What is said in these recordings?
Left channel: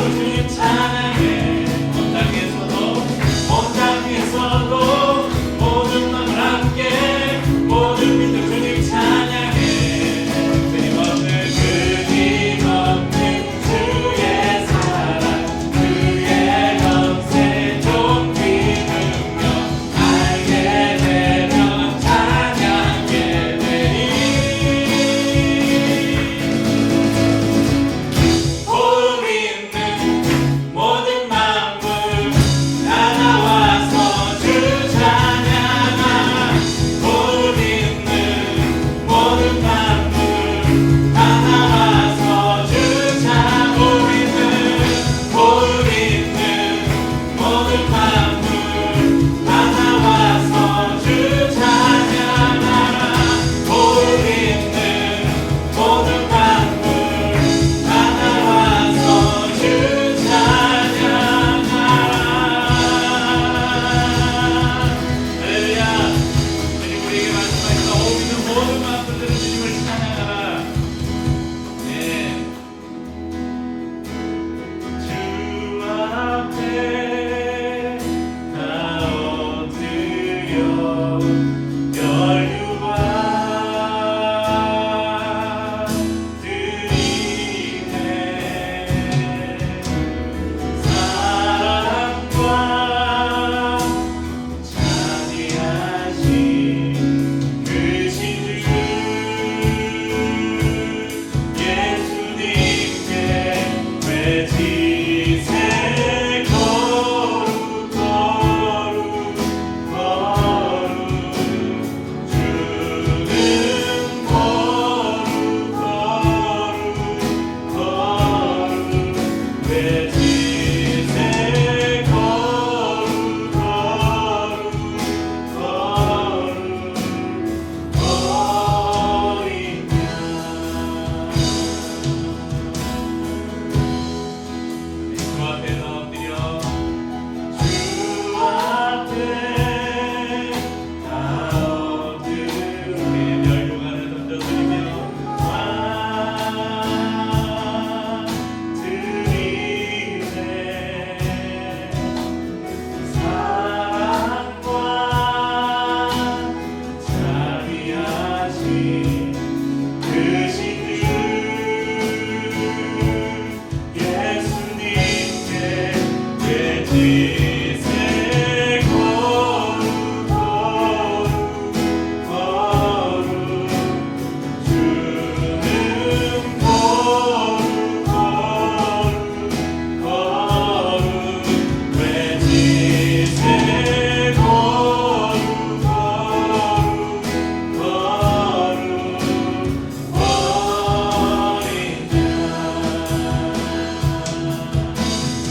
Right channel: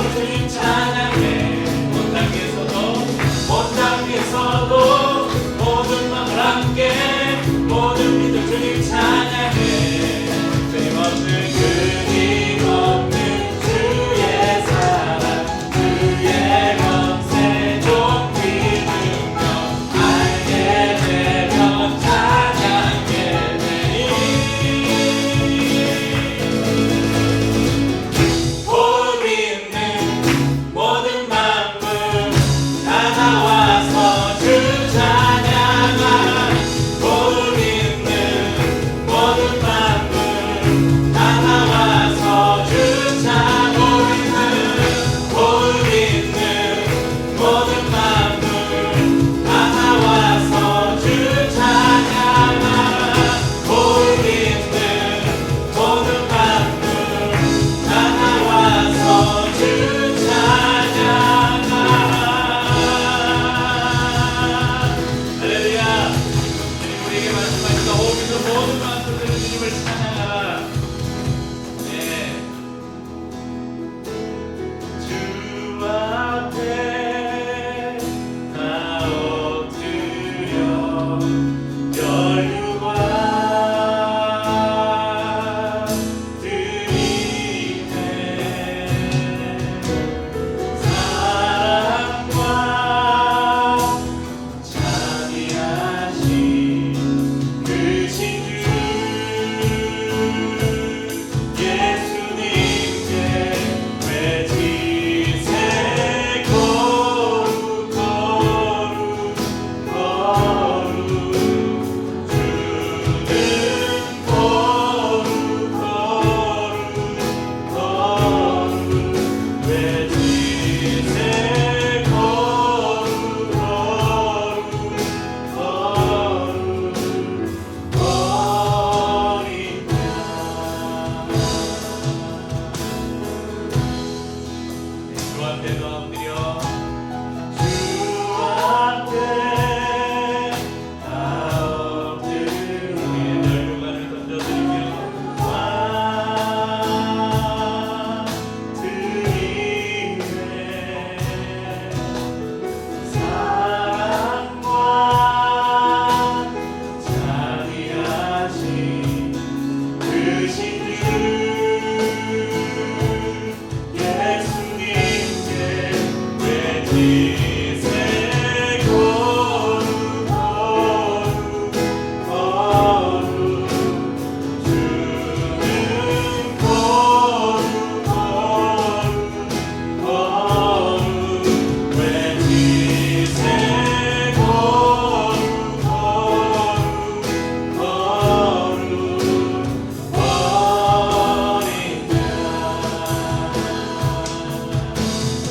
우리 다시 한번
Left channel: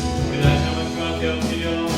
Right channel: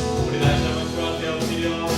주 앞에 엎드려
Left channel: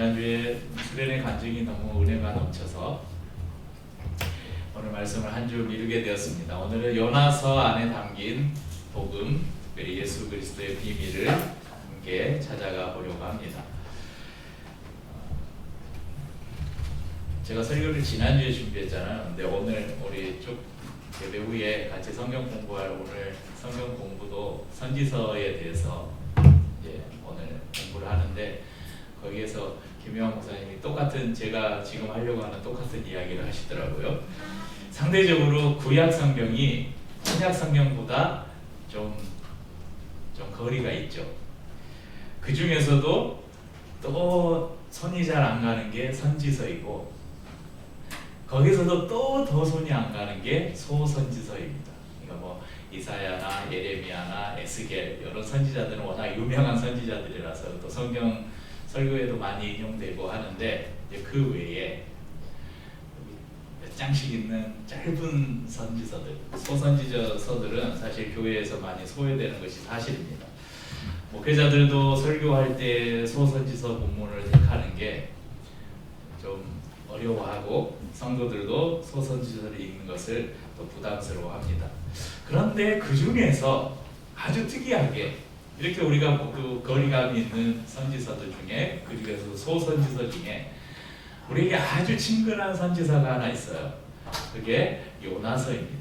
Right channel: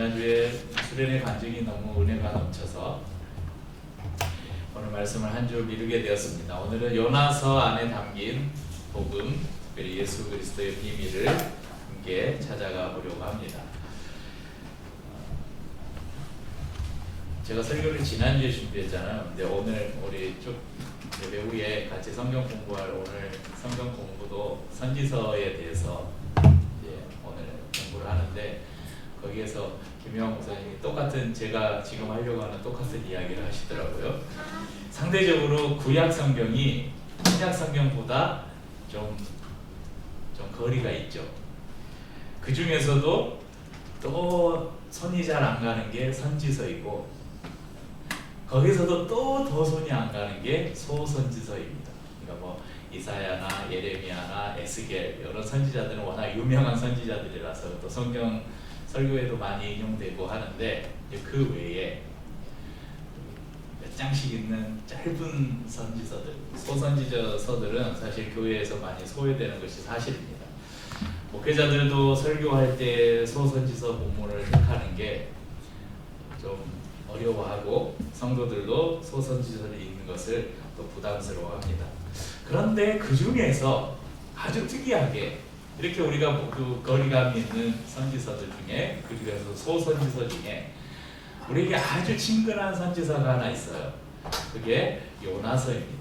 지난주에 수련의 간증이 너무 은혜가 넘쳐서 오늘 말씀을 한 주 미루게 되었습니다. 오늘은 요나서 안에 담긴 복음, 특별히 예수 그리스도의 비밀을 함께 찾아가 보려고 합니다. 제가 설교를 지난주에 준비했잖아요. 근데 오늘 우리 쭉 예배 후에 같이 성경 공부할 오늘 성경 공부도 선지서에 대해서 이제 오늘 공부를 하는데 거기에서 김영환 목사님이 똑같은 제가 지금 하려고 하는 똑같은 이야기를 하시더라고요. 상대적으로 구약 성경이 신약 성경보다 좀 거리가 있죠. 그 중에서도 또 손이 잘 안 가는 게 선지서이고 거기서도 또 더 손이 안 가는 게 소선지서입니다. 그러니까 뭐 이사야나 예레미야나 에스겔 이런 선지자들은 워낙 유명한 선지자들이라서 또 성경 설교에도 많이 인용되고 하는데 그 외에 몇 장씩 있는 짧은 선지서들, 소선지서들은 사실 교회에서 많이 소외되는 것이 사실입니다. 목회자들도 설교할 때 소선지서 본문을 택하는 게 좀 어려워하고 성도들도 소선지서를 읽는 것을 또 부담스러워합니다. 그런데 그 중에서 아주 특이하게 이렇게 우리가 그 거리감이 있는 선지서들 중에 그리고 소선지서 중에 우리에게 아주 친근한 선지서가 하나 있어요. 그게 요나서입니다.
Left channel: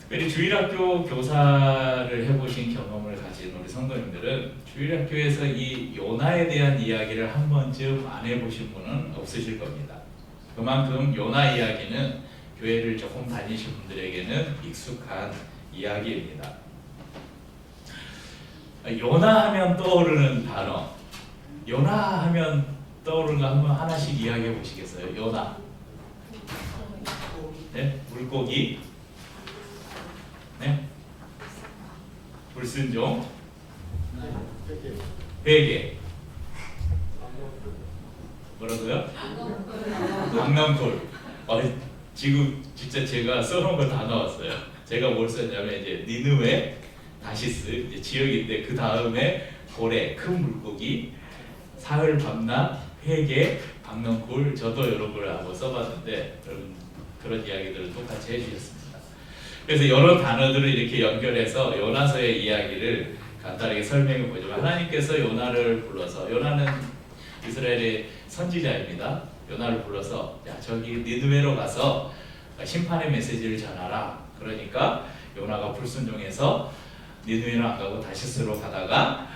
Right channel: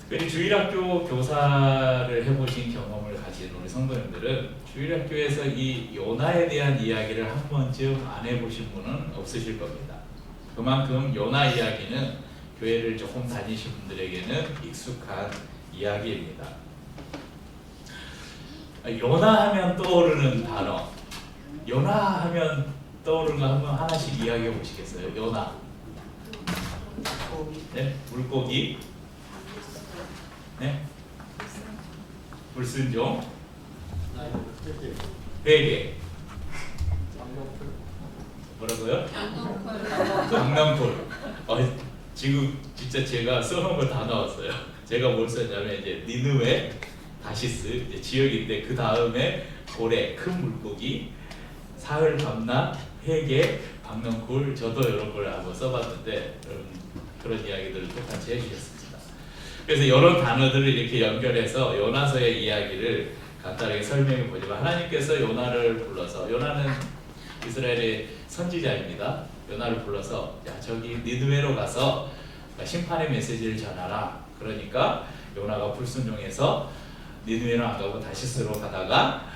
특별히 주일학교 교사를 해보신 경험을 가진 우리 성도님들은 주일학교에서 이 요나에 대한 이야기를 한 번쯤 안 해보신 분은 없으실 겁니다. 그만큼 요나 이야기는 교회를 조금 다니신 분들에게는 익숙한 이야기입니다. 요나 하면 떠오르는 단어, 요나 하면 떠오르는 거 한번 하나씩 이야기해 보시겠어요? 요나. 네? 물고기. 네? 불순종. 회개. 뭐라고요? 강낭풀. 지금 진짜 제가 써놓은 거 다 나왔어요. 제가 뭘 썼냐면 이제 니느웨, 다시스 이제 지역인데 그 다음에 고래, 큰 물고기, 사흘 밤낮, 회개, 박넝쿨 저도 여러 걸 하고 써봤는데 그런 이야기들을 똑같이 해주셨습니다. 그래서 여러 단어들을 이렇게 연결해서 요나서의 이야기를 간단하게 설명해 보지만 하나님께서 요나를 불러서 요나는 이스라엘의 선지자입니다. 요나를 불러서 야 저기 니느웨로 가서 심판의 메시지를 전하라. 그러니까 요나가 불순종해서 니느웨로 안 가고 다시스로 가다가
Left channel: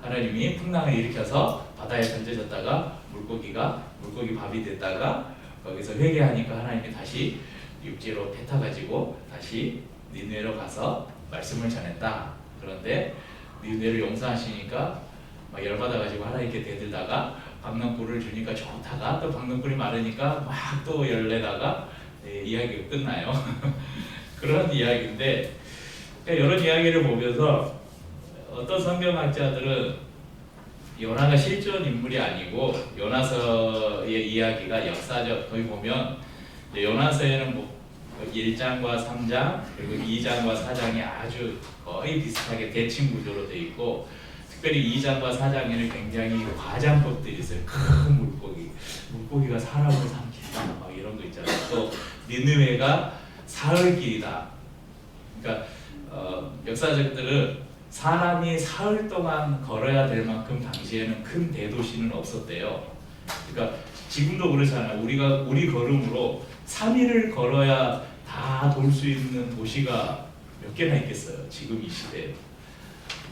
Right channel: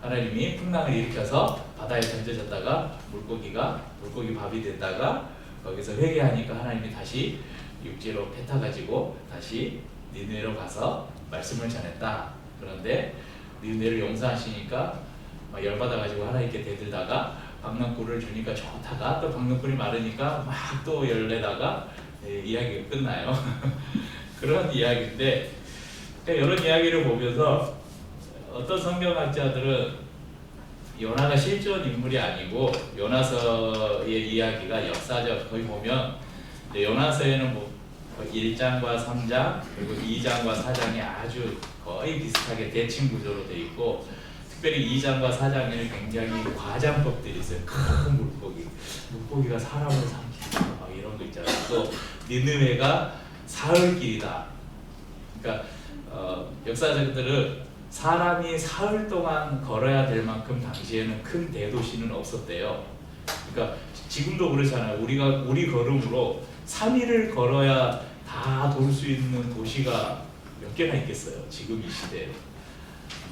하나님이 풍랑을 일으켜서 바다에 던져졌다가 물고기 밥이 됐다가 거기서 회개하니까 하나님이 다시 육지로 뱉어가지고 다시 니느웨로 가서 말씀을 전했다. 그런데 니느웨를 용서하시니까 막 열받아가지고 하나님께 대들다가 박넝쿨을 주니까 좋다가 또 박넝쿨이 마르니까 막 또 열내다가 이야기가 끝나요. 그런 이야기인데 이런 이야기를 보면서 어떤 성경학자들은 요나가 실존 인물이 아니고 요나서의 이야기가 역사적 거기 보면 요나서에는 뭐 1장과 3장 그리고 2장과 4장이 아주 거의 비슷하게 대칭 구조로 되어 있고 특별히 2장과 4장에는 굉장히 과장법들이 있어요. 큰 물고기가 사람을 삼킨다 막 이런 거 있잖아요. 또 니느웨가 사흘 길이다. 그러니까 역사적들은 사람이 사흘 동안 걸어야 될 만큼 당시에는 큰 대도시는 없었대요. 그러니까 지금도 그렇잖아요. 우리 걸음으로 3일을 걸어야 다 돌 수 있는 도시가 몇 개나 있겠어요. 지금 이 시대에.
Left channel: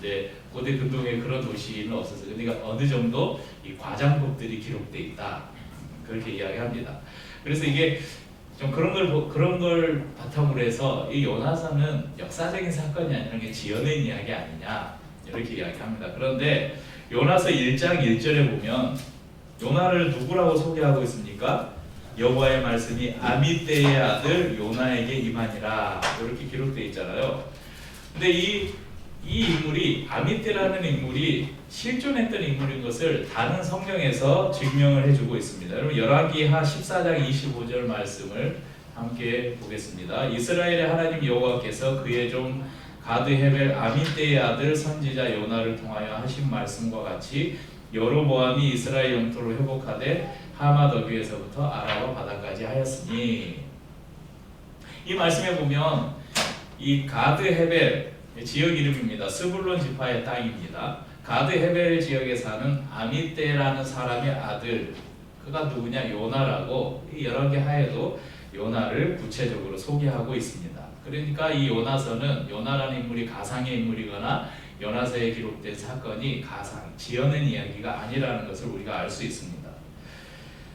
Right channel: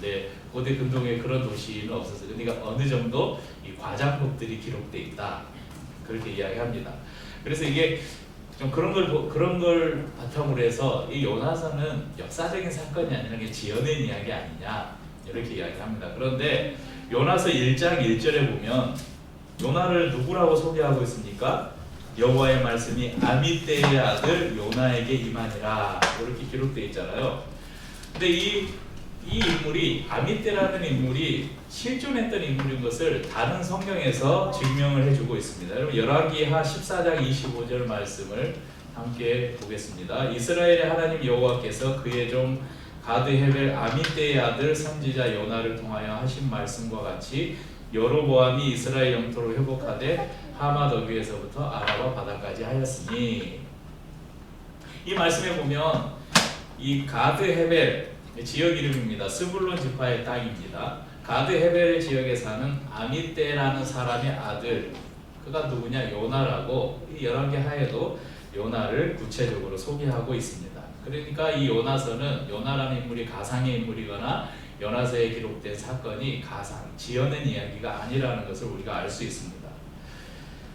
네, 고대 근동에 그런 도시는 없었어요. 그러니까 어느 정도 이 과장법들이 기록돼 있다. 그렇게 이야기합니다. 그래서 이게 좀 그런 걸 바탕으로 해서 이 요나서는 역사적인 사건이 아니라 게 지어낸 이야기 아니냐 이렇게 이야기합니다. 그런데 요나서 1장 1절에 보면 요나를 누구라고 소개하고 있습니까? 여호와의 말씀이 아미떼의 아들 요나에게 임하니라 이렇게 기록되어 있잖아요. 근데 이 인물이 아미떼라는 인물이 실존했던 인물인 것을 다른 성경에서 증명을 해주고 있습니다. 여러분 열왕기하 14장 25절 말씀을 함께 보겠습니다. 이스라엘의 하나님 여호와께서 그의 종 가드 헤벨 아미떼의 아들 선지자 요나를 통하여 하신 말씀과 같이 여로보암이 이스라엘 영토를 회복하되 하맛 어귀에서부터 아라바 바다까지 하였으니. 이 말씀에 보면 이 가드 헤벨 지역 이름입니다. 스불론 지파의 땅입니다. 가드 헤벨 지역에 사는 아미떼라는 사람의 아들, 그가 누구냐? 요나라고 이 열왕기 하에도 요나를 구체적으로 소개하고 있습니다. 그러니까 이 요나서는 요나라는 인물이 가상의 인물이거나 요나서에 기록된 사건이 가상, 지어낸 이야기가 아니라는 것을 우리가 알 수 있습니다.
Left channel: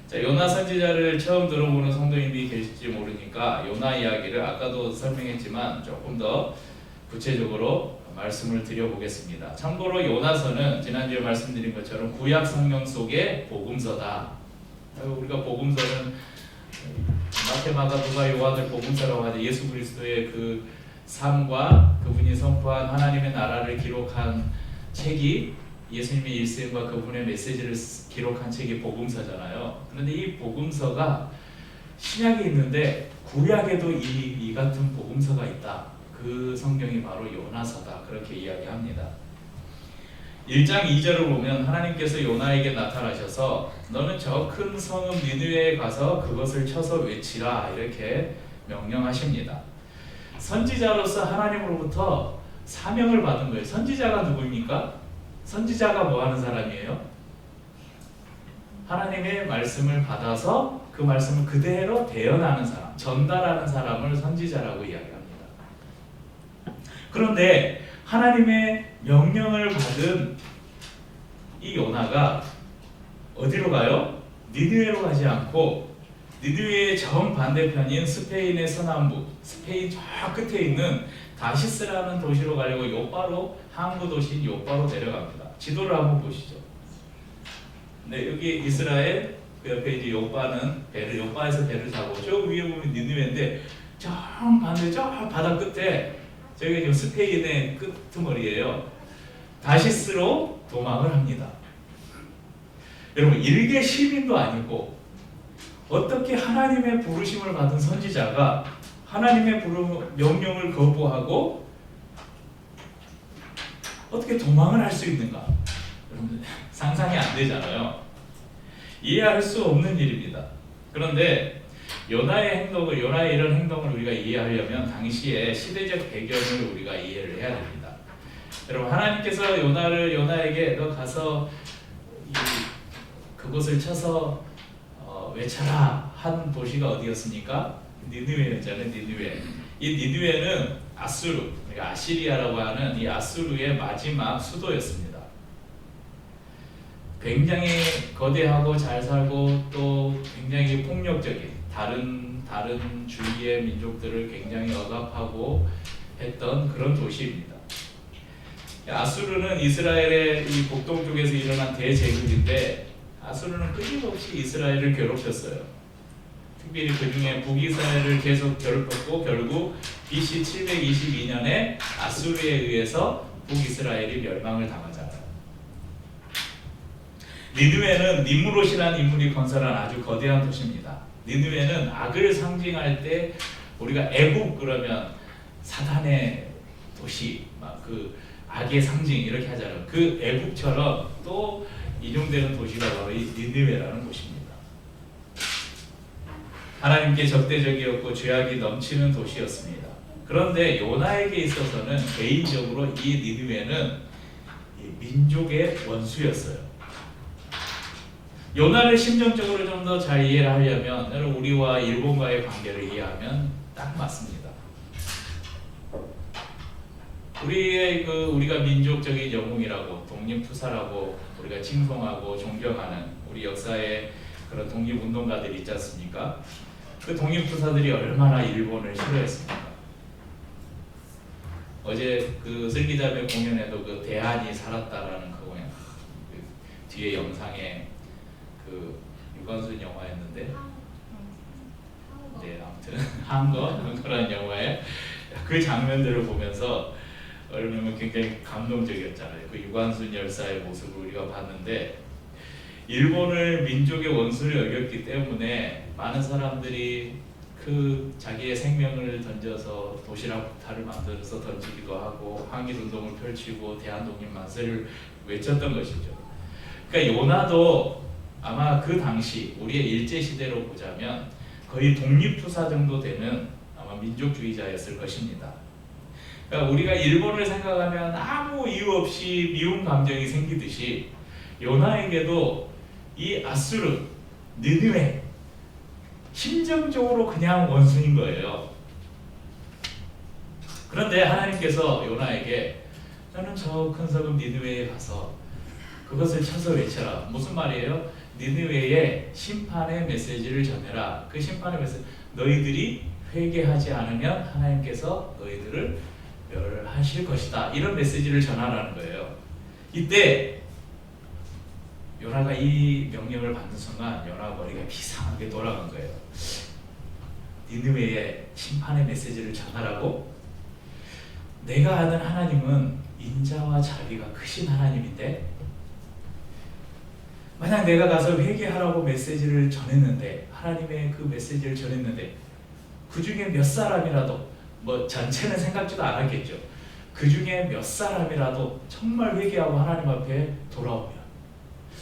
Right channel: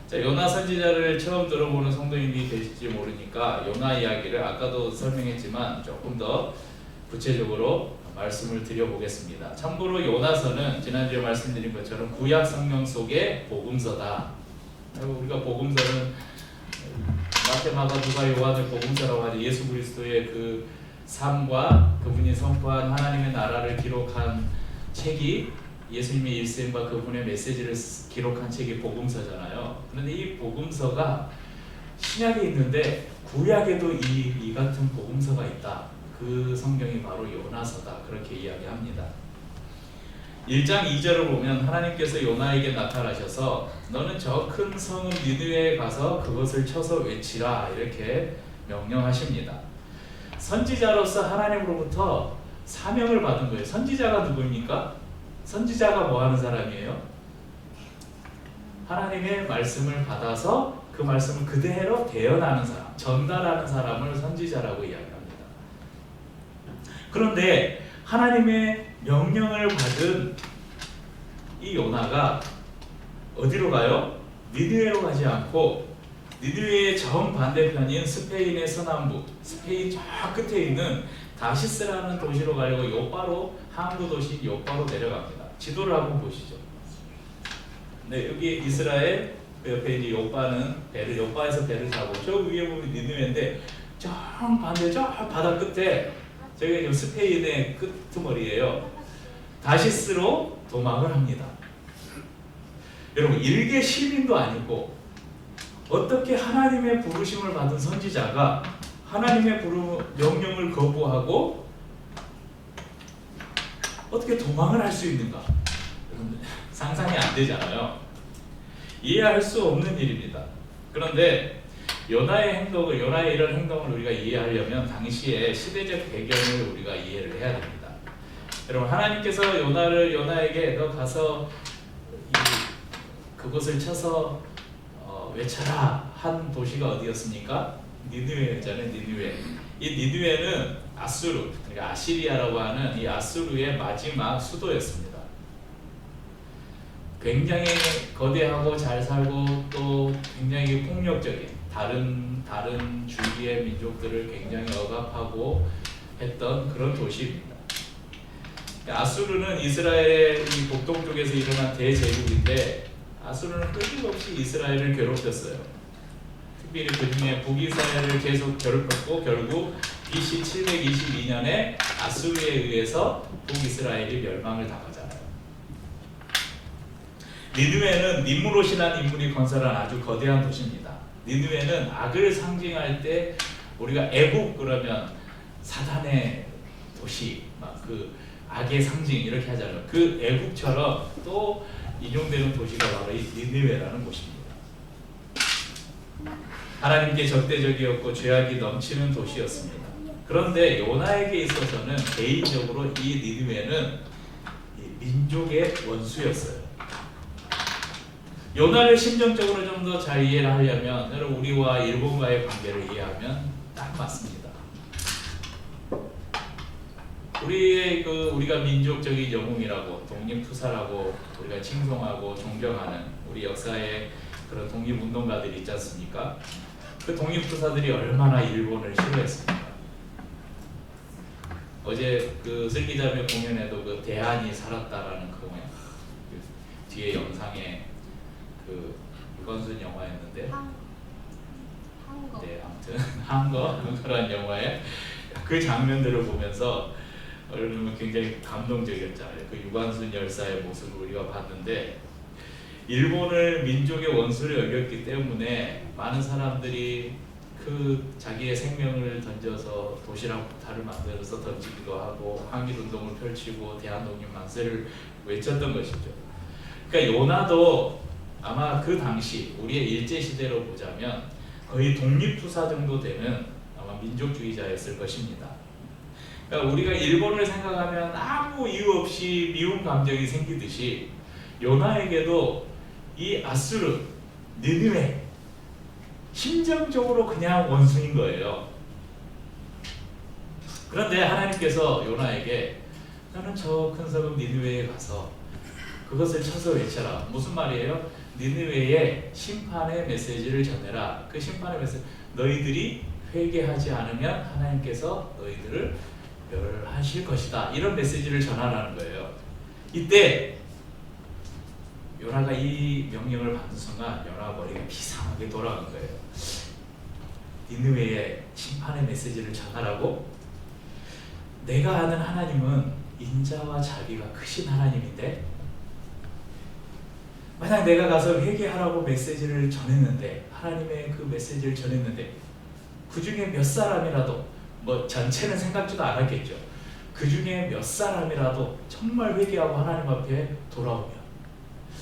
자, 요나 선지자를 처음 들어보는 성도님이 계실지 모르니까 요나 이야기를 아까도 설명했지만 조금 더 구체적으로 말씀을 드려보겠습니다. 참고로 요나서는 지난주에 말씀드린 것처럼 구약 성경 속의 복음서다. 우리가 복음서는 마태, 마가, 누가, 요한을 복음서라고 하죠. 예수 그리스도의 그 삶과 그분이 선포한 하나님의 나라를 기록한 책이 예수님의 일생과 그분의 메시지를 기록한 책이 복음서잖아요. 그런데 이 복음서가 신약에 있는데 구약에도 이 같은 복음서가 있다. 그 성경이 바로 요나서다. 그렇게 이야기합니다. 1장 2절을 보면 하나님께서 요나에게 나타나셔서 너는 저 큰 성읍 니느웨에 가서 그것을 쳐서 외치라 이렇게 명령하십니다. 선지자로서 하나님으로부터 사명을 받은 거예요. 선지자가 누구입니까? 선지자가 뭐 하는 사람이에요? 하나님의 말씀을 받아서 그 말씀을 그대로 대언하는 사람, 전달하는 사람을 선지자라고 이야기합니다. 그런데 하나님의 명령을 받은 이 요나가 어디로 가요? 니느웨로 가지 않고 니느웨의 정반대편인 스페인의 서남부, 스페인 저 끝에 있는 다시스라는 도시로 가려고 요빠로, 항구 도시인 요빠로 내려갑니다. 지도를 한번 보시죠. 네, 여기 이스라엘, 그 옆에 이제 요빠는 배를, 요빠에서 배를 타고 저 위에 보면 니느웨인데 저 반대 저 바다 끝에 저기 지금 스페인의 끄트머리예요. 다시스로 도망을 합니다. 여러분, 일개 시민도 아니고 어떻게 하나님의 부르심을 받은 선지자가 하나님의 명령을 거부하고 어떻게 도망을 할 수 있는가? 여러분, 상상이 안 되잖아요. 이해할 수 없는 일입니다. 그런데 요나의 행동을, 요나의 이런 행동을 우리가 이해하려면 당시의 시대적 배경을 우리가 이해를 해야 됩니다. 여러분, 하나님께서 요나에게 너 가서 그곳을 쳐서 외쳐라 한 도시가 어디였습니까? 니느웨였잖아요. 니느웨. 이 니느웨는 아수르, 그러니까 아시리아라고 하는 이 아수르의 마지막 수도였습니다. 굉장히 거대하고 잘 살고 또 굉장히 폭력적인 다른 주위의 민족들을 굉장히 억압하고 했던 그런 도시입니다. 아수르는 이스라엘의 이 북동쪽에서 일어난 대제국인데 아수르는 끊임없이 이스라엘을 괴롭혔어요. 특별히 그 중에 북이스라엘을 계속 괴롭혔고 결국 BC 722년에 아수르에 의해서 북이스라엘이 멸망을 당하잖아요. 니느웨는 님므롯이라는 인물이 건설한 아주 거대한 도시입니다. 니느웨는 악을 상징할 때 우리가 애국 그러면 사단의 도시, 막 그 악의 상징 이렇게 하잖아요. 그 애국처럼 또 인용되는 도시가 바로 이 니느웨라는 곳입니다. 하나님께 적대적이었고 죄악이 넘치는 도시였습니다. 그런데 요나에게 있어서는 개인적으로 이 니느웨는 민족의 원수였어요. 요나를 심정적으로 좀 더 잘 이해를 하려면 우리와 일본과의 관계를 이해하면 딱 맞습니다. 우리가 민족적인 영웅이라고 독립투사라고 우리가 칭송하고 존경하는 우리 역사의 그런 독립운동가들이 있지 않습니까? 그 독립투사들이 얼마나 일본을 싫어했습니까? 어제 그 슬기자매 공연에도 그 대한이 살았다라는 그 뒤에 영상에 그 유관순 영화였는데, 네, 아무튼 한거 그런 영화에 그 장면들을 보면서 얼마나 굉장히 감동적이었잖아요. 그 유관순 열사의 모습을 우리가 봤는데 일본을 민족의 원수를 여겼기 때문에 많은 사람들이 그 자기의 생명을 던져서 도시락 폭탄을 만들어서 던지기도 하고 항일운동을 펼치고 대한독립 만세를 외쳤던 것이죠. 그러니까 요나도 아마 그 당시 우리의 일제 시대로 보자면 거의 독립투사 정도 되는 아마 민족주의자였을 것입니다. 그러니까 우리가 일본을 생각하면 아무 이유 없이 미운 감정이 생기듯이 요나에게도 이 아수르, 느느웨 심정적으로 그냥 원수인 거예요. 그런데 하나님께서 요나에게 너는 저 큰 성읍 니느웨에 가서 그것을 쳐서 외쳐라. 무슨 말이에요? 니느웨의 심판의 메시지를 전해라. 그 심판의 메시지, 너희들이 회개하지 않으면 하나님께서 너희들을 멸하실 것이다. 이런 메시지를 전하라는 거예요. 이때 요나가 이 명령을 받는 순간 요나 머리가 비상하게 돌아간 거예요. 니느웨의 심판의 메시지를 전하라고? 내가 아는 하나님은 인자와 자비가 크신 하나님인데 만약 내가 가서 회개하라고 메시지를 전했는데 하나님의 그 메시지를 전했는데 그 중에 몇 사람이라도 뭐 전체는 생각지도 않았겠죠. 그 중에 몇 사람이라도 정말 회개하고 하나님 앞에 돌아오면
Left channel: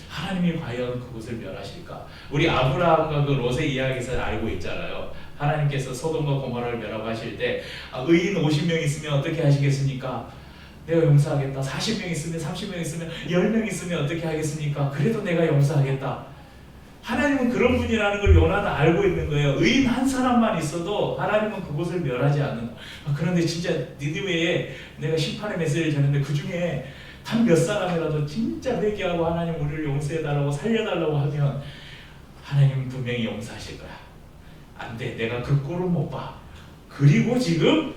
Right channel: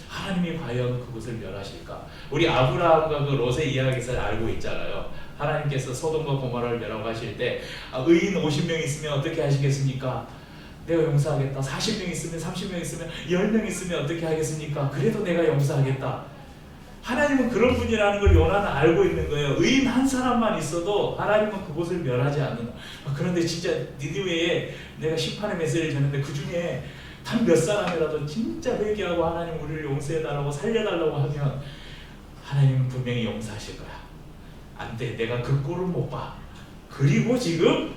하나님이 과연 그곳을 멸하실까? 우리 아브라함과 그 롯의 이야기에서 알고 있잖아요. 하나님께서 소돔과 고모라를 멸하고 하실 때 의인 50명 있으면 어떻게 하시겠습니까? 내가 용서하겠다. 40명 있으면 30명 있으면 10명 있으면 어떻게 하겠습니까? 그래도 내가 용서하겠다. 하나님은 그런 분이라는 걸 요나는 알고 있는 거예요. 의인 한 사람만 있어도 하나님은 그곳을 멸하지 않는다. 그런데 진짜 니느웨에 내가 심판의 메시지를 전했는데 그 중에 단 몇 사람이라도 진짜 회개하고 하나님 우리를 용서해달라고 살려달라고 하면 하나님은 분명히 용서하실 거야. 안 돼. 내가 그 꼴을 못 봐. 그리고 지금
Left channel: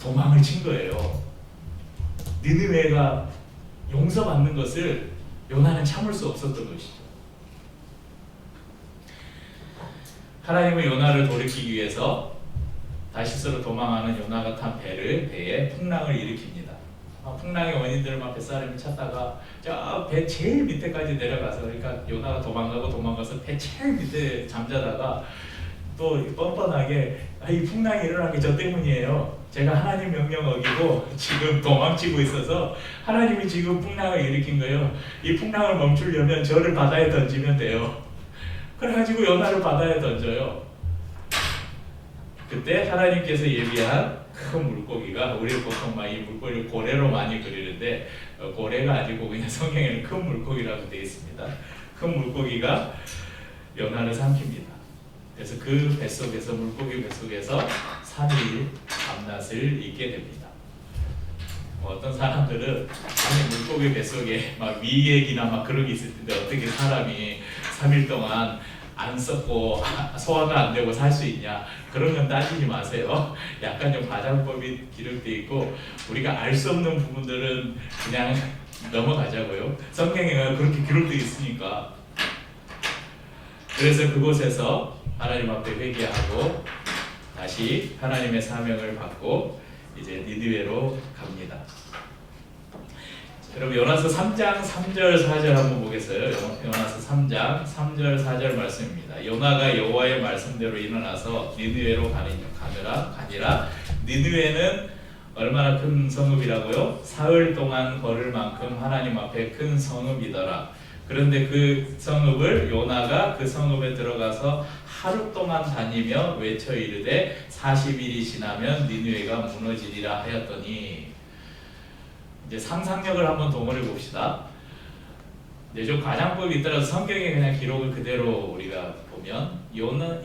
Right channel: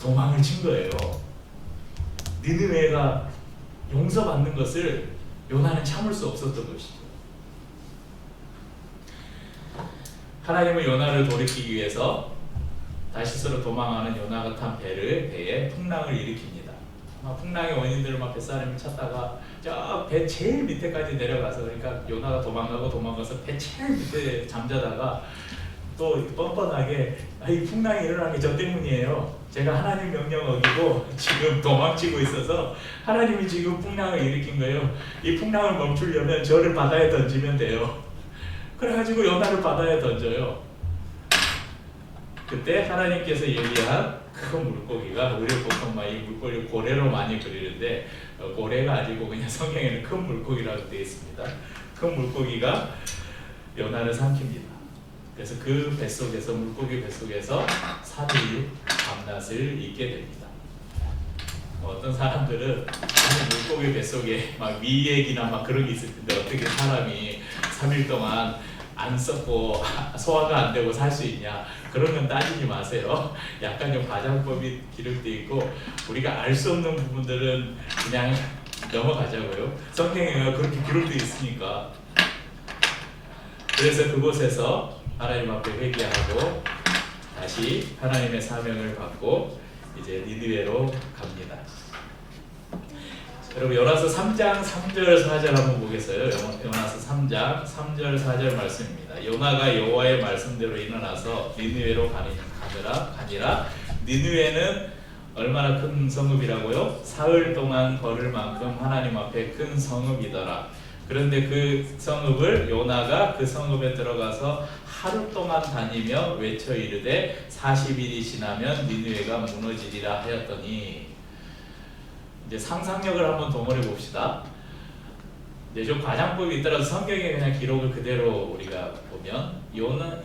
도망을 친 거예요. 니느웨가 용서받는 것을 요나는 참을 수 없었던 것이죠. 하나님은 요나를 돌이키기 위해서 다시스로 도망하는 요나가 탄 배에 풍랑을 일으킵니다. 풍랑의 원인들을 막 뱃사람을 찾다가 저 배 제일 밑에까지 내려가서 그러니까 요나가 도망가서 배 제일 밑에 잠자다가 또 뻔뻔하게 이 풍랑이 일어난 게 저 때문이에요. 제가 하나님 명령 어기고 지금 도망치고 있어서 하나님이 지금 풍랑을 일으킨 거예요. 이 풍랑을 멈추려면 저를 바다에 던지면 돼요. 그래가지고 요나를 바다에 던져요. 그때 하나님께서 얘기한 큰 물고기가 우리 보통 이 물고기를 고래로 많이 그리는데 고래가 아니고 그냥 성경에는 큰 물고기라고 되어 있습니다. 큰 물고기가 요나를 삼킵니다. 그래서 그 뱃속에서 물고기 뱃속에서 3일 밤낮을 있게 됩니다. 어떤 사람들은 물고기 뱃속에 막 위액이나 막 그런 게 있을 텐데 어떻게 사람이 3일 동안 안 썩고 소화가 안 되고 살 수 있냐, 그런 건 따지지 마세요. 약간 좀 과장법이 기록되어 있고 우리가 알 수 없는 부분들은 그냥 넘어가자고요. 성경에 그렇게 기록되어 있으니까. 그래서 그곳에서 하나님 앞에 회개하고 다시 하나님의 사명을 받고 이제 니느웨로 갑니다. 여러분 요나서 3장 3절 4절 한번 보겠어요. 요나서 3장 3절 4절 말씀입니다. 요나가 여호와의 말씀대로 일어나서 니느웨로 가니라. 니느웨는 얼마나 큰 성읍이라고요? 사흘 동안 걸을 만큼 하나님 앞에 큰 성읍이더라. 그런데 그 성읍을 요나가 그 성읍에 들어가서 하루 동안 다니며 외쳐 이르되 40일이 지나면 니느웨가 무너지리라 하였더니, 이제 상상력을 한번 동원해 봅시다. 이제 좀 과장법이 있더라도 성경에 그냥 기록을 그대로 우리가 보면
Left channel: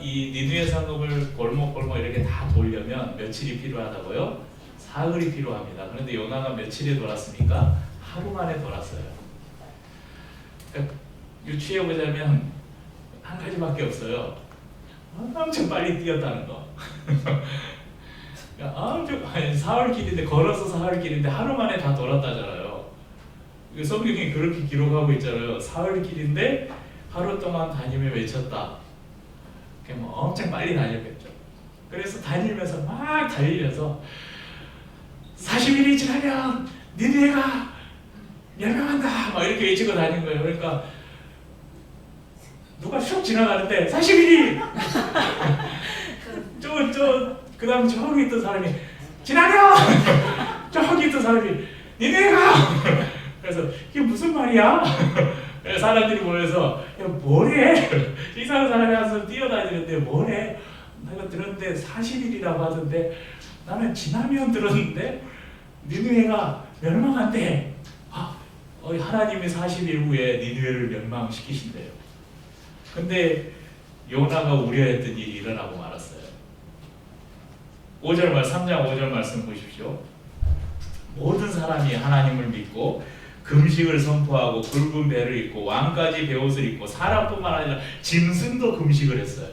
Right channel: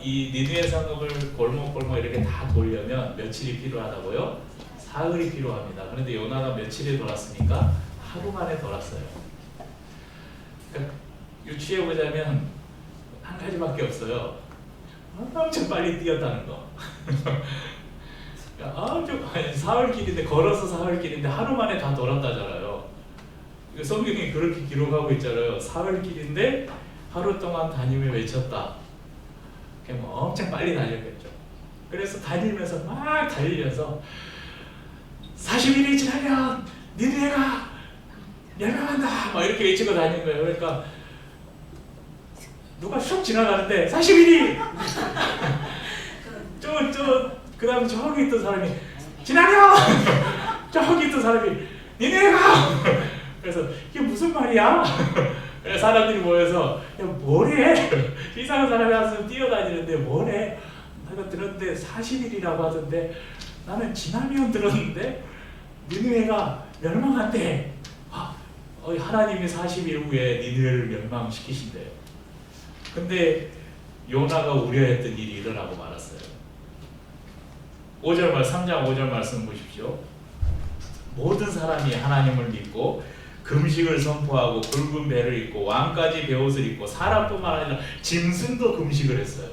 이 니느웨 성읍을 골목골목 이렇게 다 돌려면 며칠이 필요하다고요? 사흘이 필요합니다. 그런데 요나가 며칠이 돌았습니까? 하루 만에 돌았어요. 그러니까 유추해 보자면 한 가지밖에 없어요. 엄청 빨리 뛰었다는 거. 사흘 길인데 걸어서 사흘 길인데 하루 만에 다 돌았다잖아요. 성경이 그렇게 기록하고 있잖아요. 사흘 길인데 하루 동안 다니며 외쳤다. 그냥 뭐 엄청 빨리 달렸겠죠. 그래서 다니면서 막 달리면서 40일이 지나면 니느웨가 멸망한다 막 이렇게 외치고 다니는 거예요. 그러니까 누가 슉 지나가는데 40일이 그 다음 저기 있던 사람이 지나려! 저기 있던 사람이 니네가! 그래서 이게 무슨 말이야? 그래서 사람들이 모여서 야 뭐래? 이상한 사람이 와서 뛰어다니는데 뭐래? 내가 들었는데 40일이라고 하던데 나는 지나면 들었는데 니느웨가 멸망한대. 하나님이 40일 후에 니느웨를 멸망시키신대요. 근데 요나가 우려했던 일이 일어나고 말았어요. 3장 5절 말씀 보십시오. 모든 사람이 하나님을 믿고 금식을 선포하고 굵은 배를 입고 왕까지 베옷을 입고 사람뿐만 아니라 짐승도 금식을 했어요.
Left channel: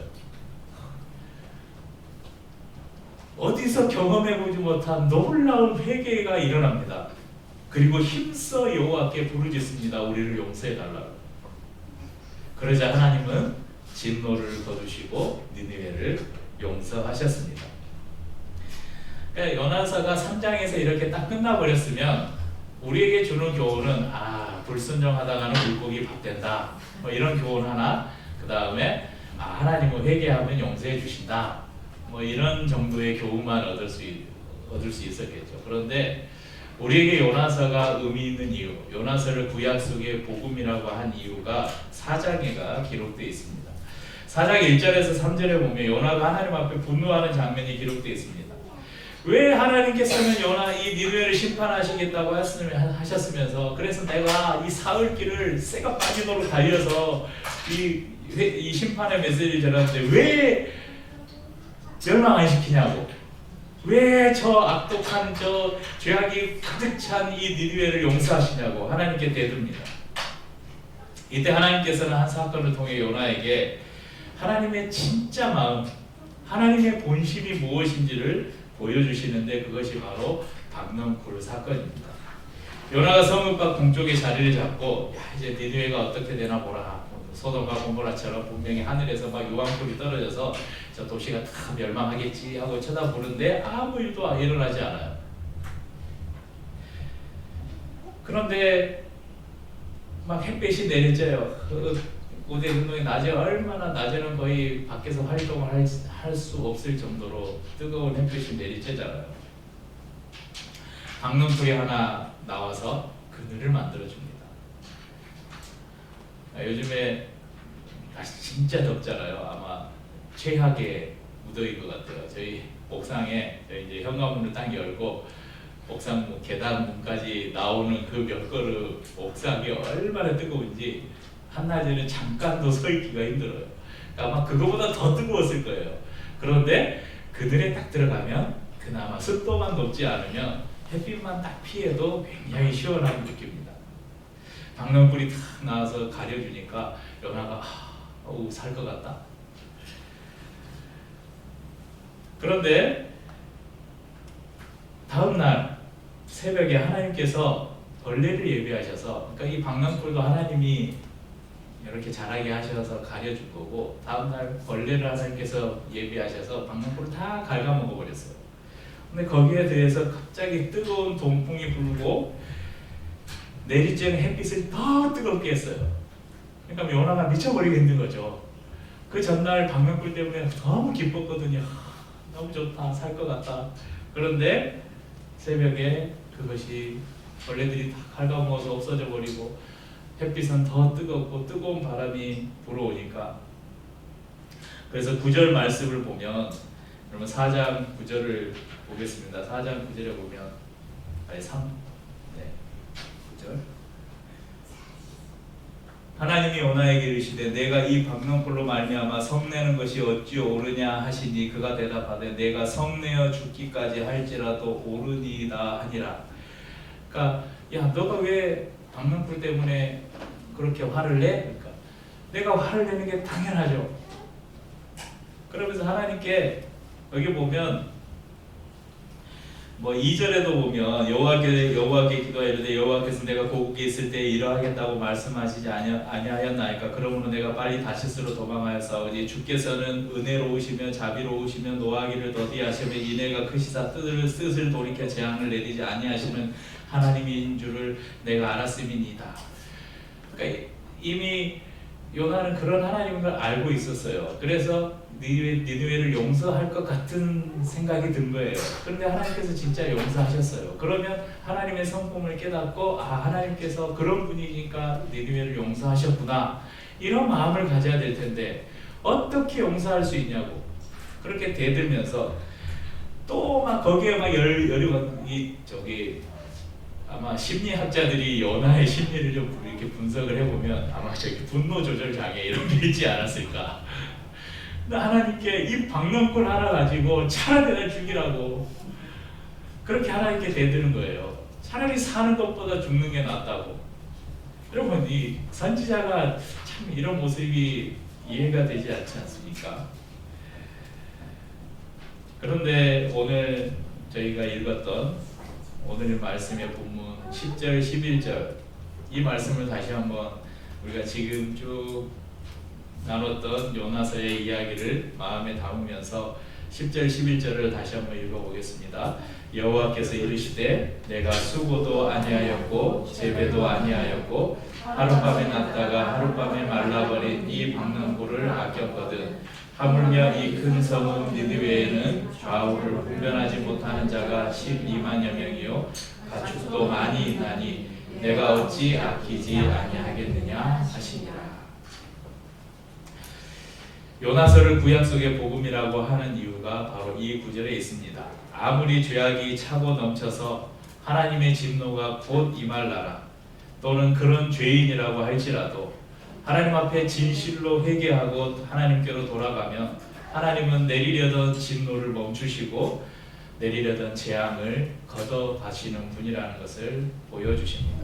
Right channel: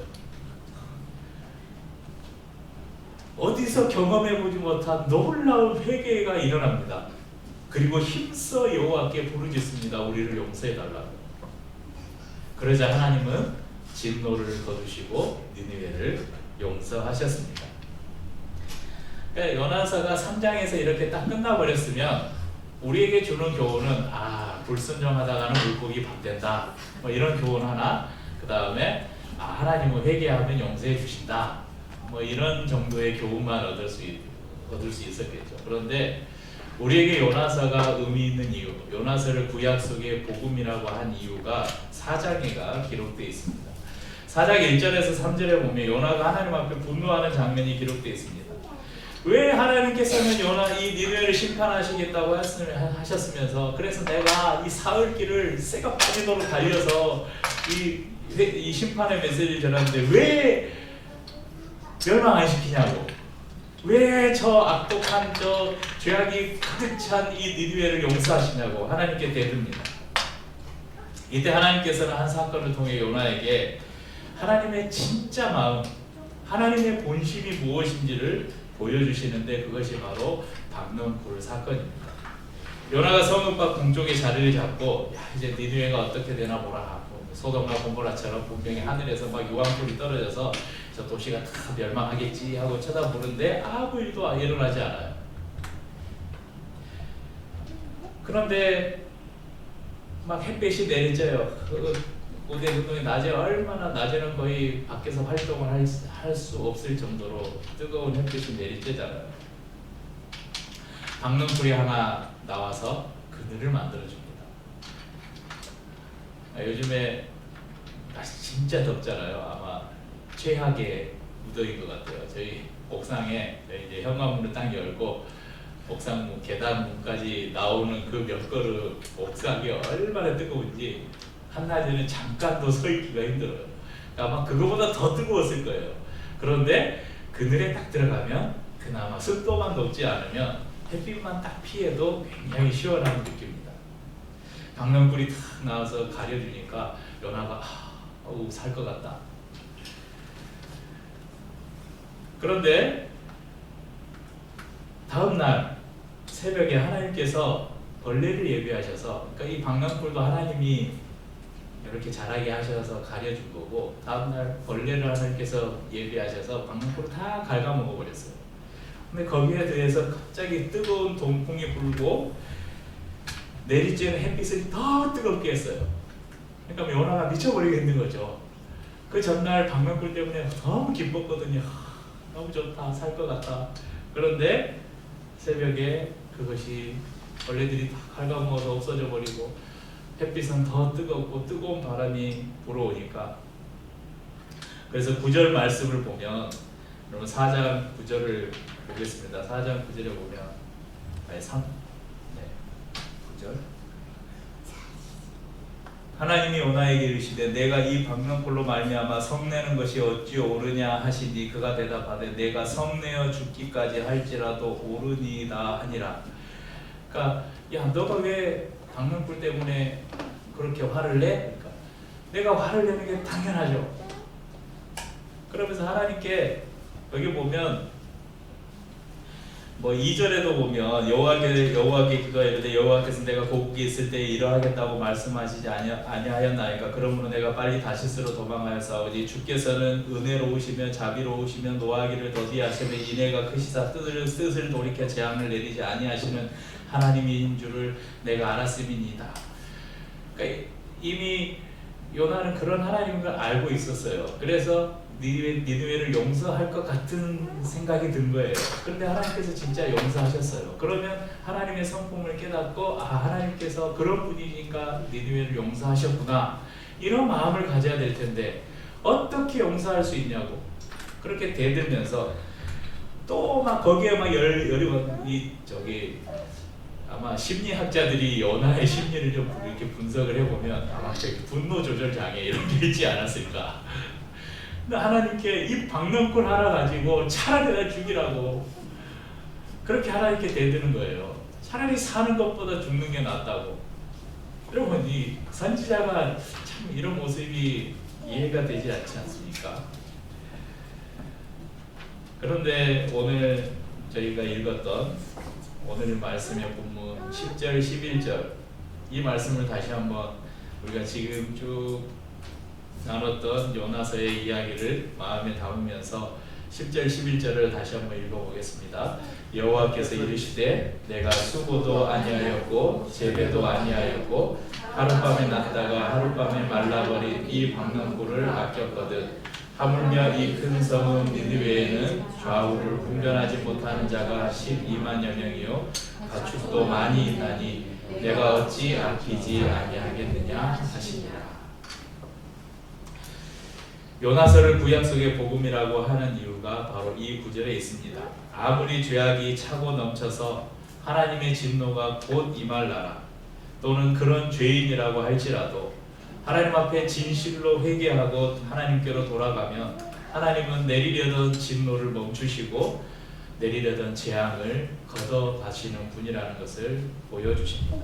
어디서 경험해보지 못한 놀라운 회개가 일어납니다. 그리고 힘써 여호와께 부르짖습니다. 우리를 용서해달라고. 그러자 하나님은 진노를 거두시고 니느웨를 용서하셨습니다. 그러니까 요나서가 3장에서 이렇게 딱 끝나버렸으면 우리에게 주는 교훈은 불순종하다가는 물고기 밥 된다 뭐 이런 교훈 하나, 그 다음에 하나님은 회개하면 용서해 주신다 뭐 이런 정도의 교훈만 얻을 수 있었겠죠. 그런데 우리에게 요나서가 의미 있는 이유, 요나서를 구약 속의 복음이라고 한 이유가 4장에가 기록되어 있습니다. 4장 1절에서 3절에 보면 요나가 하나님 앞에 분노하는 장면이 기록되어 있습니다. 왜 하나님께서는 요나 이 니느웨를 심판하시겠다고 하셨으면서 그래서 내가 이 사흘길을 새가 빠지도록 달려서 이 심판의 메시지를 전하는데 왜 멸망 안 시키냐고, 왜 저 악독한 저 죄악이 가득 찬 이 니느웨를 용서하시냐고 하나님께 대듭니다. 이때 하나님께서는 한 사건을 통해 요나에게 하나님의 진짜 마음, 하나님의 본심이 무엇인지를 보여주시는데 그것이 바로 박넝쿨 사건입니다. 요나가 성읍 밖 동쪽에 자리를 잡고 이제 니느웨가 어떻게 되나 보라. 소돔과 고모라처럼 분명히 하늘에서 막 유황불이 떨어져서 저 도시가 다 멸망하겠지 하고 쳐다보는데 아무 일도 일어나지 않아요. 그런데 막 햇빛이 내리쬐요. 고대 운동이 낮에 얼마나 낮에는 거의 밖에서 활동을 할 수 없을 정도로 뜨거운 햇빛이 내리쬐잖아요. 박넝쿨이 하나 나와서 그늘을 만들어줍니다. 요즘에 날씨 진짜 덥잖아요. 아마 최악의 무더위인 것 같아요. 저희 옥상에 이제 현관문을 딱 열고 옥상 계단 문까지 나오는 그 몇 걸음 옥상이 얼마나 뜨거운지 한낮에는 잠깐도 서 있기가 힘들어요. 그러니까 아마 그거보다 더 뜨거웠을 거예요. 그런데 그늘에 딱 들어가면 그나마 습도만 높지 않으면 햇빛만 딱 피해도 굉장히 시원함을 느낍니다. 박넝쿨이 탁 나와서 가려주니까 요나가 살 것 같다. 그런데 다음날 새벽에 하나님께서 벌레를 예비하셔서, 그러니까 이 박넝쿨도 하나님이 이렇게 자라게 하셔서 가려줄 거고 다음날 벌레를 하나님께서 예비하셔서 박넝쿨을 다 갉아먹어 버렸어요. 근데 거기에 대해서 갑자기 뜨거운 동풍이 불고 내리쬐는 햇빛을 더 뜨겁게 했어요. 그러니까 요나가 미쳐버리겠는 거죠. 그 전날 박넝쿨 때문에 너무 기뻤거든요. 너무 좋다, 살 것 같다. 그런데 새벽에 그것이 벌레들이 다 갉아먹어서 없어져 버리고 햇빛은 더 뜨겁고 뜨거운 바람이 불어오니까, 그래서 9절 말씀을 보면, 여러분 4장 9절을 보겠습니다. 4장 9절에 보면 9절 하나님이 요나에게 이르시되 내가 이 박넝쿨로 말미암아 성내는 것이 어찌 옳으냐 하시니 그가 대답하되 내가 성내어 죽기까지 할지라도 옳으니이다 하니라. 그러니까 야 너가 왜 박넝쿨 때문에 그렇게 화를 내? 그러니까 내가 화를 내는 게 당연하죠. 그러면서 하나님께 여기 보면 뭐 2절에도 보면 여호와께 기도하이르되 여호와께서 내가 고국에 있을 때 이러하겠다고 말씀하시지 아니하였나이까. 그러므로 내가 빨리 다시스로 도망하여 싸우지. 주께서는 은혜로우시며 자비로우시며 노하기를 더디하시며 이내가 크시사 뜻을 돌이켜 재앙을 내리지 아니하시는 하나님인 줄을 내가 알았음이니이다. 그러니까 이미 요나는 그런 하나님인 걸 알고 있었어요. 그래서 니느웨를 용서할 것 같은 생각이 든 거예요. 그런데 하나님께서 진짜 용서하셨어요. 그러면 하나님의 성품을 깨닫고 하나님께서 그런 분이니까 니느웨를 용서하셨구나, 이런 마음을 가져야 될 텐데 어떻게 용서할 수 있냐고 그렇게 대들면서 또 막 거기에 막 아마 심리학자들이 요나의 심리를 좀 이렇게 분석을 해보면 아마 분노 조절 장애 이런 게 있지 않았을까. 하나님께 이 박넝쿨 하나 가지고 차라리 나 죽이라고 그렇게 하나님께 대드는 거예요. 차라리 사는 것보다 죽는 게 낫다고. 여러분, 이 선지자가 참 이런 모습이 이해가 되지 않지 않습니까? 그런데 오늘 저희가 읽었던 오늘의 말씀의 본문 10절 11절 이 말씀을 다시 한번 우리가 지금 쭉 나눴던 요나서의 이야기를 마음에 담으면서 10절 11절을 다시 한번 읽어보겠습니다. 여호와께서 이르시되 내가 수고도 아니하였고 재배도 아니하였고 하룻밤에 났다가 하룻밤에 말라버린 이 박넝쿨을 아꼈거든. 하물며 이 큰 성읍 니느웨에는 좌우를 분별하지 못하는 자가 12만여 명이요 가축도 많이 있나니 내가 어찌 아끼지 아니하겠느냐 하시니라. 요나서를 구약 속의 복음이라고 하는 이유가 바로 이 구절에 있습니다. 아무리 죄악이 차고 넘쳐서 하나님의 진노가 곧 임할 나라 또는 그런 죄인이라고 할지라도 하나님 앞에 진실로 회개하고 하나님께로 돌아가면 하나님은 내리려던 진노를 멈추시고 내리려던 재앙을 걷어가시는 분이라는 것을 보여주십니다.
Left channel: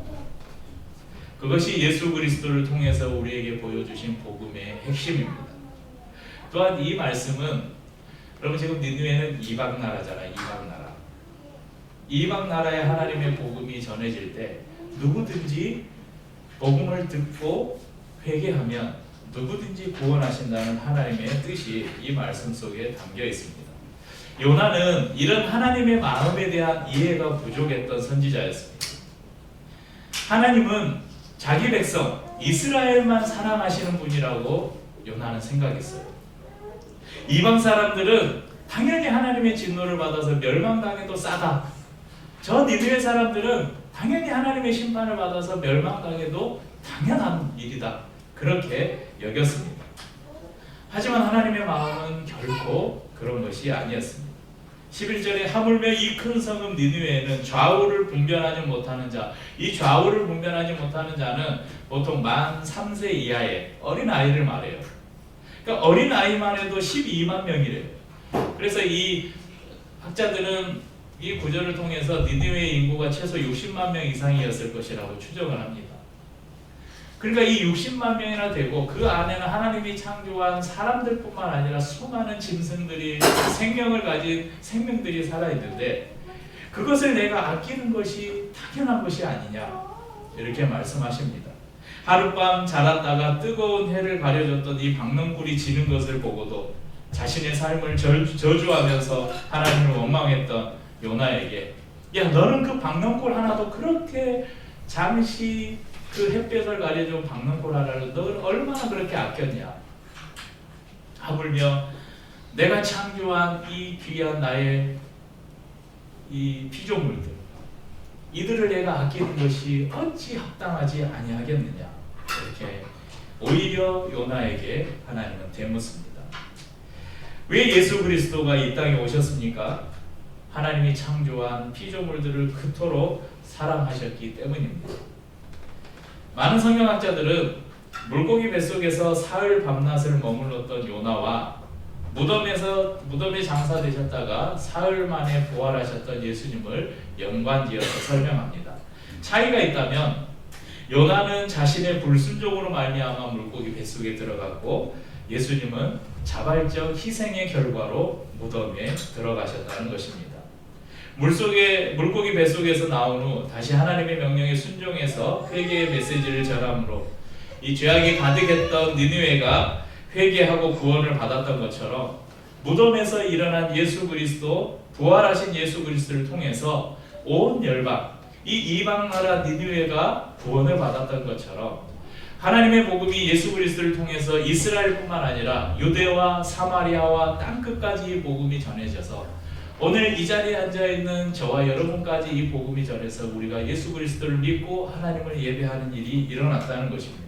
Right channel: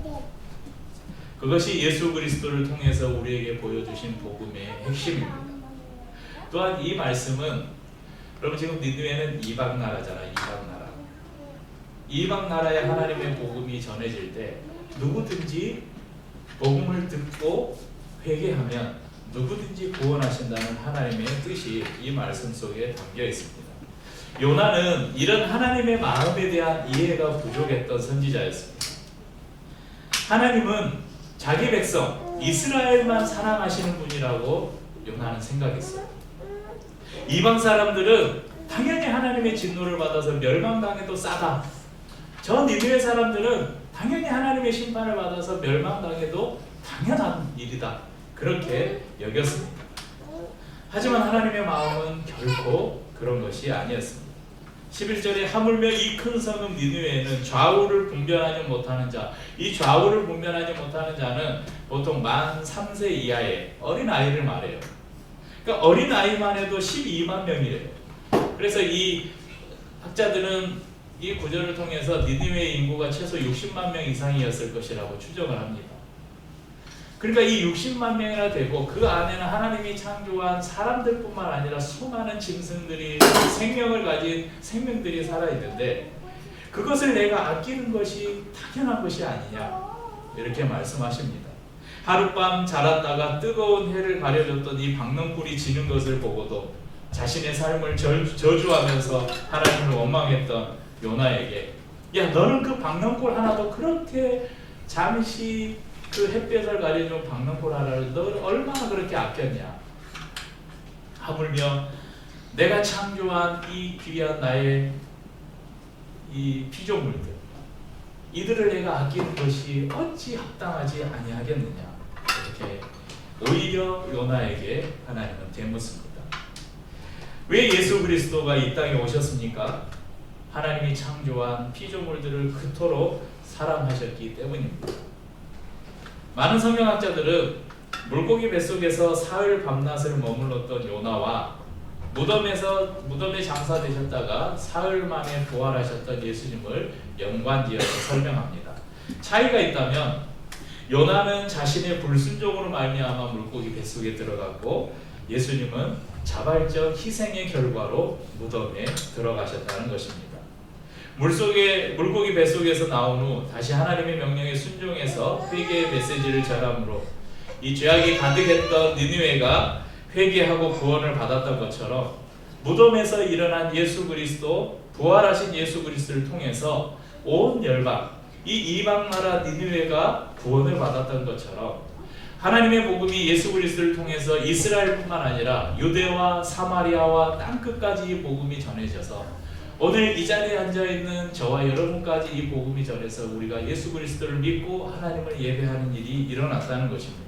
그것이 예수 그리스도를 통해서 우리에게 보여주신 복음의 핵심입니다. 또한 이 말씀은 여러분 지금 니느웨는 이방 나라잖아요. 이방 나라에 하나님의 복음이 전해질 때 누구든지 복음을 듣고 회개하면 누구든지 구원하신다는 하나님의 뜻이 이 말씀 속에 담겨 있습니다. 요나는 이런 하나님의 마음에 대한 이해가 부족했던 선지자였습니다. 하나님은 자기 백성 이스라엘만 사랑하시는 분이라고 요나는 생각했어요. 이방 사람들은 당연히 하나님의 진노를 받아서 멸망당해도 싸다. 저 니느웨 사람들은 당연히 하나님의 심판을 받아서 멸망당해도 당연한 일이다. 그렇게 여겼습니다. 하지만 하나님의 마음은 결코 그런 것이 아니었습니다. 11절에 하물며 이 큰 성읍 니느웨에는 좌우를 분별하지 못하는 자, 이 좌우를 분별하지 못하는 자는 보통 만 3세 이하의 어린아이를 말해요. 그러니까 어린아이만 해도 12만 명이래요. 그래서 이 학자들은 이 구절을 통해서 니느웨의 인구가 최소 60만 명 이상이었을 것이라고 추정을 합니다. 그러니까 이 60만 명이나 되고 그 안에는 하나님이 창조한 사람들뿐만 아니라 수많은 짐승들이 생명을 가진 생명들이 살아있는데 그것을 내가 아끼는 것이 당연한 것이 아니냐 이렇게 말씀하십니다. 하룻밤 자랐다가 뜨거운 해를 가려줬던 이 박넝쿨이 지는 것을 보고도 자신의 삶을 저주하면서 하나님을 원망했던 요나에게 야 너는 그 박넝쿨 하나도 그렇게 잠시 그 햇볕을 가려준 박넝쿨 하나를 너는 얼마나 그렇게 아꼈냐. 하물며 내가 창조한 이 귀한 나의 이 피조물들 이들을 내가 아끼는 것이 어찌 합당하지 아니하겠느냐. 이렇게 오히려 요나에게 하나님은 대묻습니다. 왜 예수 그리스도가 이 땅에 오셨습니까? 하나님이 창조한 피조물들을 그토록 사랑하셨기 때문입니다. 많은 성경학자들은 물고기 뱃속에서 사흘 밤낮을 머물렀던 요나와 무덤에 장사되셨다가 사흘 만에 부활하셨던 예수님을 연관지어서 설명합니다. 차이가 있다면 요나는 자신의 불순종으로 말미암아 물고기 뱃속에 들어갔고 예수님은 자발적 희생의 결과로 무덤에 들어가셨다는 것입니다. 물고기 뱃속에서 나온 후 다시 하나님의 명령에 순종해서 회개의 메시지를 전함으로 이 죄악이 가득했던 니느웨가 회개하고 구원을 받았던 것처럼 무덤에서 일어난 예수 그리스도, 부활하신 예수 그리스도를 통해서 온 열방, 이 이방 나라 니느웨가 구원을 받았던 것처럼 하나님의 복음이 예수 그리스도를 통해서 이스라엘뿐만 아니라 유대와 사마리아와 땅끝까지 이 복음이 전해져서 오늘 이 자리에 앉아있는 저와 여러분까지 이 복음이 전해서 우리가 예수 그리스도를 믿고 하나님을 예배하는 일이 일어났다는 것입니다.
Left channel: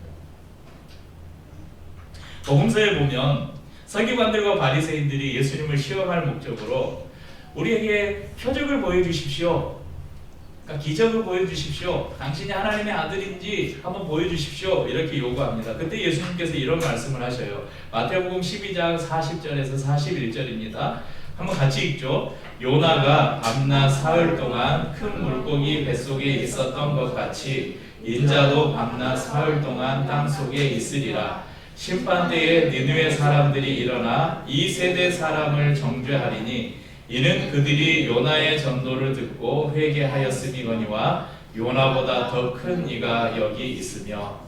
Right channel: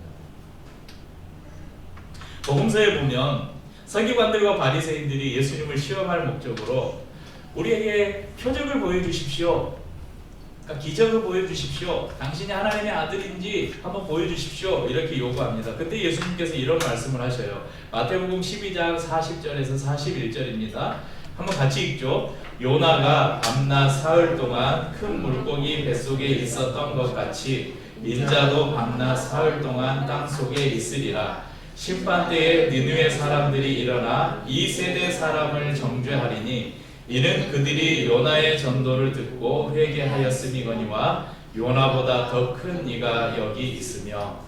복음서에 보면 서기관들과 바리새인들이 예수님을 시험할 목적으로 우리에게 표적을 보여주십시오, 그러니까 기적을 보여주십시오, 당신이 하나님의 아들인지 한번 보여주십시오, 이렇게 요구합니다. 그때 예수님께서 이런 말씀을 하셔요. 마태복음 12장 40절에서 41절입니다. 한번 같이 읽죠. 요나가 밤낮 사흘 동안 큰 물고기 뱃속에 있었던 것 같이 인자도 밤낮 사흘 동안 땅속에 있으리라. 심판대에 니느웨 사람들이 일어나 이 세대 사람을 정죄하리니 이는 그들이 요나의 전도를 듣고 회개하였음이거니와 요나보다 더 큰 이가 여기 있으며.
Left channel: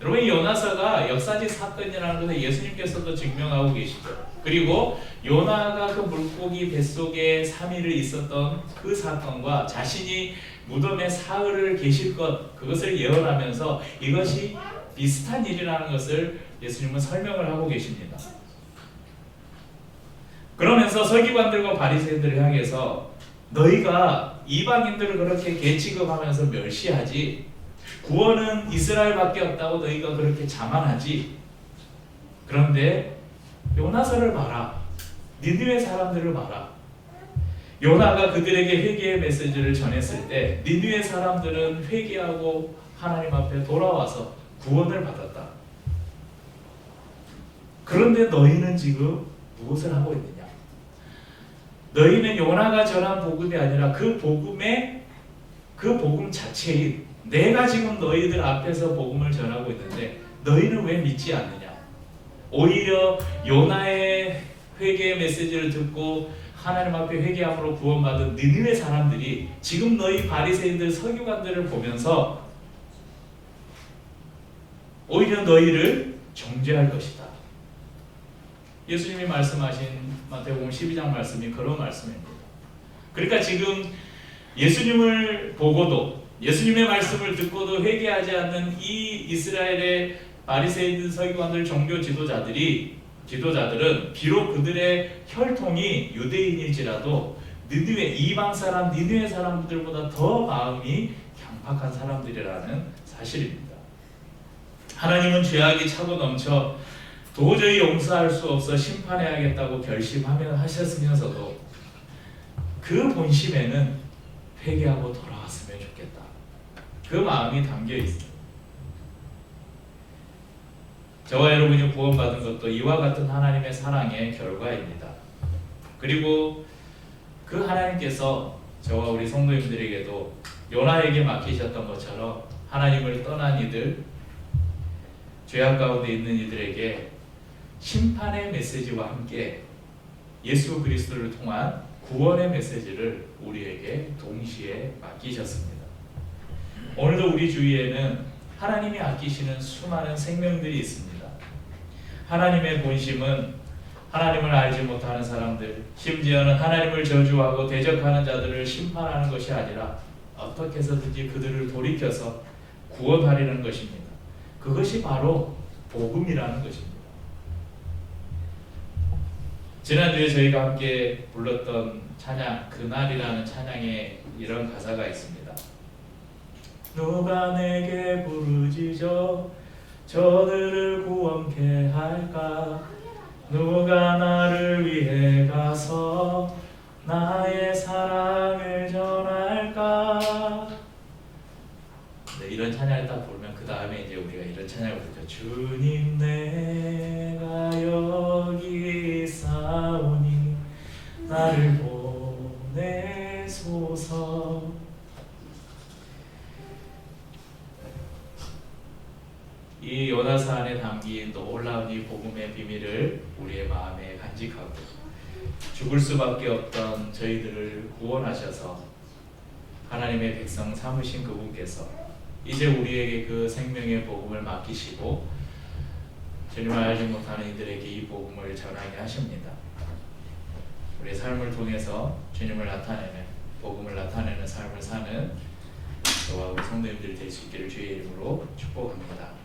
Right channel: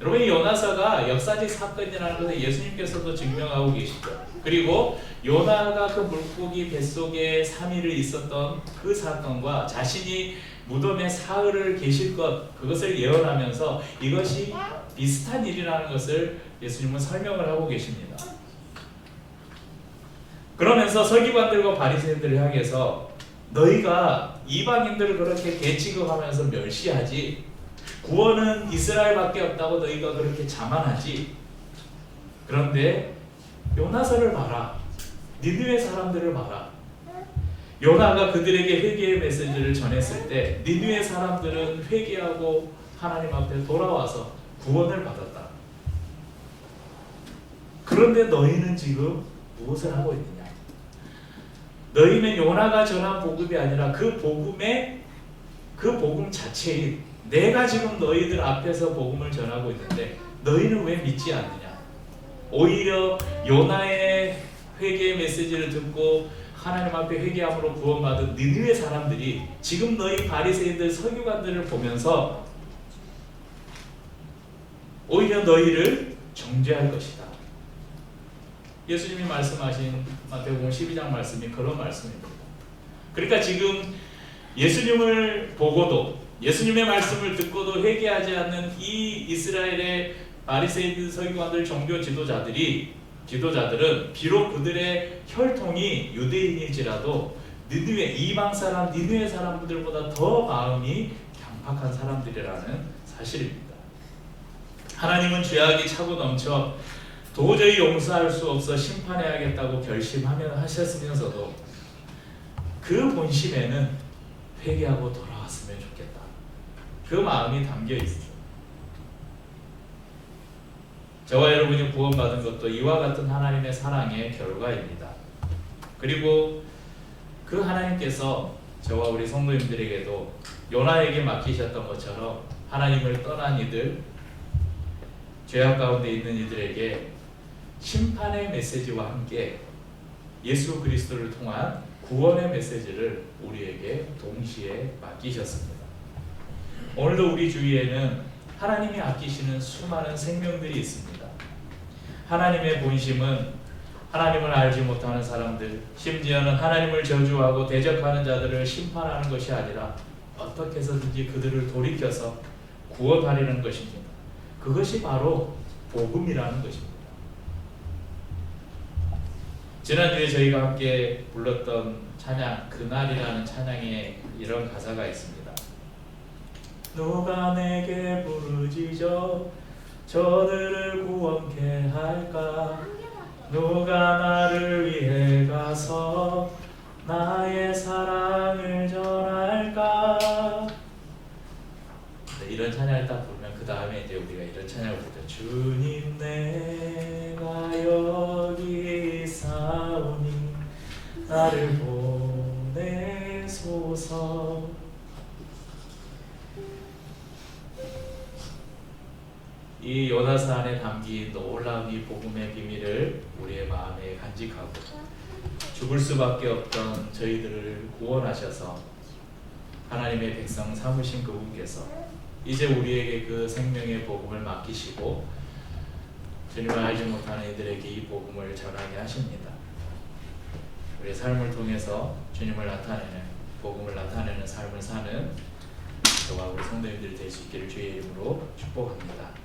여러분, 이 요나서가 역사적 사건이라는 것을 예수님께서도 증명하고 계시죠. 그리고 요나가 그 물고기 뱃속에 3일을 있었던 그 사건과 자신이 무덤에 사흘을 계실 것, 그것을 예언하면서 이것이 비슷한 일이라는 것을 예수님은 설명을 하고 계십니다. 그러면서 서기관들과 바리새인들을 향해서 너희가 이방인들을 그렇게 개취급하면서 멸시하지, 구원은 이스라엘밖에 없다고 너희가 그렇게 자만하지, 그런데 요나서를 봐라, 니느웨 사람들을 봐라. 요나가 그들에게 회개의 메시지를 전했을 때 니느웨 사람들은 회개하고 하나님 앞에 돌아와서 구원을 받았다. 그런데 너희는 지금 무엇을 하고 있느냐? 너희는 요나가 전한 복음이 아니라 그 복음 자체인 내가 지금 너희들 앞에서 복음을 전하고 있는데 너희는 왜 믿지 않느냐? 오히려 요나의 회개의 메시지를 듣고 하나님 앞에 회개함으로 구원받은 니느웨 사람들이 지금 너희 바리새인들 서기관들을 보면서 오히려 너희를 정죄할 것이다. 예수님이 말씀하신 마태복음 12장 말씀이 그런 말씀입니다. 그러니까 지금 예수님을 보고도 예수님의 말씀을 듣고도 회개하지 않는 이 이스라엘의 바리새인들 서기관들 종교 지도자들은 비록 그들의 혈통이 유대인일지라도 니느웨 이방 사람 니느웨 사람들보다 더 마음이 강팍한 사람들이라는 사실입니다. 하나님은 죄악이 차고 넘쳐 도저히 용서할 수 없어 심판해야겠다고 결심하셨으면서도 그 본심에는 회개하고 돌아왔으면 좋겠다, 그 마음이 담겨 있습니다. 저와 여러분이 구원받은 것도 이와 같은 하나님의 사랑의 결과입니다. 그리고 그 하나님께서 저와 우리 성도님들에게도 요나에게 맡기셨던 것처럼 하나님을 떠난 이들, 죄악 가운데 있는 이들에게 심판의 메시지와 함께 예수 그리스도를 통한 구원의 메시지를 우리에게 동시에 맡기셨습니다. 오늘도 우리 주위에는 하나님이 아끼시는 수많은 생명들이 있습니다. 하나님의 본심은 하나님을 알지 못하는 사람들, 심지어는 하나님을 저주하고 대적하는 자들을 심판하는 것이 아니라 어떻게 해서든지 그들을 돌이켜서 구원하려는 것입니다. 그것이 바로 복음이라는 것입니다. 지난주에 저희가 함께 불렀던 찬양, 그날이라는 찬양에 이런 가사가 있습니다. 누가 내게 부르짖어 저들을 구원케 할까? 누가 나를 위해 가서 나의 사랑을 전할까? 네, 이런 찬양을 딱 부르면 그 다음에 이제 우리가 이런 찬양을 부르죠. 주님 내가 여기 있사오니 나를 보내소서. 이 요나서 안에 담긴 놀라운 이 복음의 비밀을 우리의 마음에 간직하고 죽을 수밖에 없던 저희들을 구원하셔서 하나님의 백성 삼으신 그분께서 이제 우리에게 그 생명의 복음을 맡기시고 주님을 알지 못하는 이들에게 이 복음을 전하게 하십니다. 우리의 삶을 통해서 주님을 나타내는, 복음을 나타내는 삶을 사는 저와 우리 성도님들 될 수 있기를 주의 이름으로 축복합니다.